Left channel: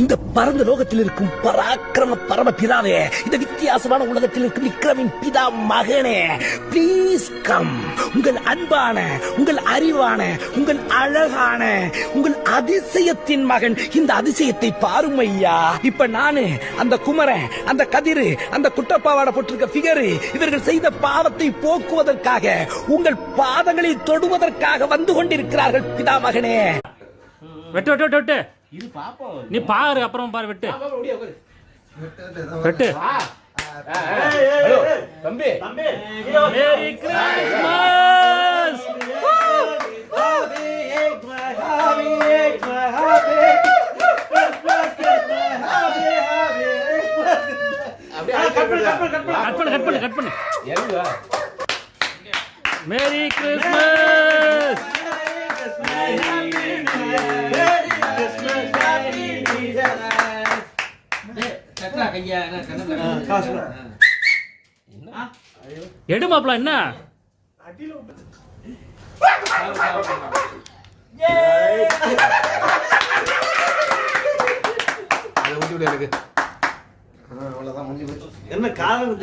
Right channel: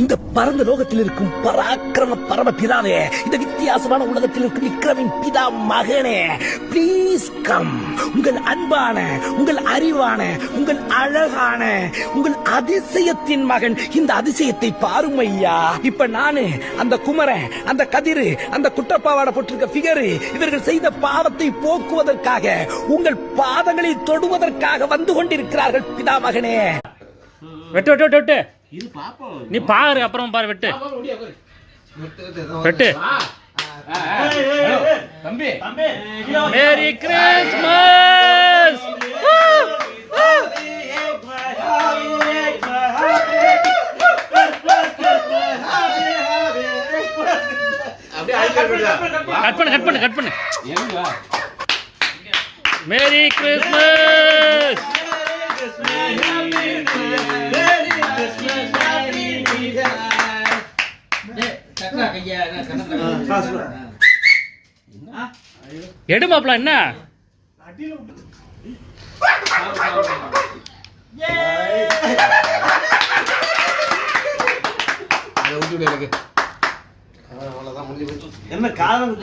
இந்த பரந்த லோகத்தில் இருக்கும் பராக்கிரம பரம பிதாவே, இந்த வித்தியாசமான உலகத்தில் இருக்கும் விக்ரமின் பிதா மகனே, ப்ளீஸ் கம். உங்கள் அன்பான, உங்கள் அறிவான, உங்கள் அழகான, உங்கள் அதிசயத்தின் மகன் இந்த அதிசயத்தை பாரும் ஐயா. இப்ப நானு, அந்த குமரன், அந்த கதிரு, அந்த குட்டப்பாவாட போட்டிருக்க பிகரு, இவர்கள் செய்த பாவத்தை போக்குவதற்காக, உங்கள் பாதங்களை தொடுவதற்காக வந்து கொண்டிருக்கிறார்கள் பிதா மகனே. வெட்டு வெட்டு வெட்டு வெட்டு. நீ பாரு, அப்புறம் பாரு. வெட்டு வெட்டு. தம்பி, மேரி கிறிஸ்மஸ். கட் பண்ணு கட் பண்ணு கட் பண்ணு. Merry Christmas. எடு மாப்பிள. என்ன என்ன காலம்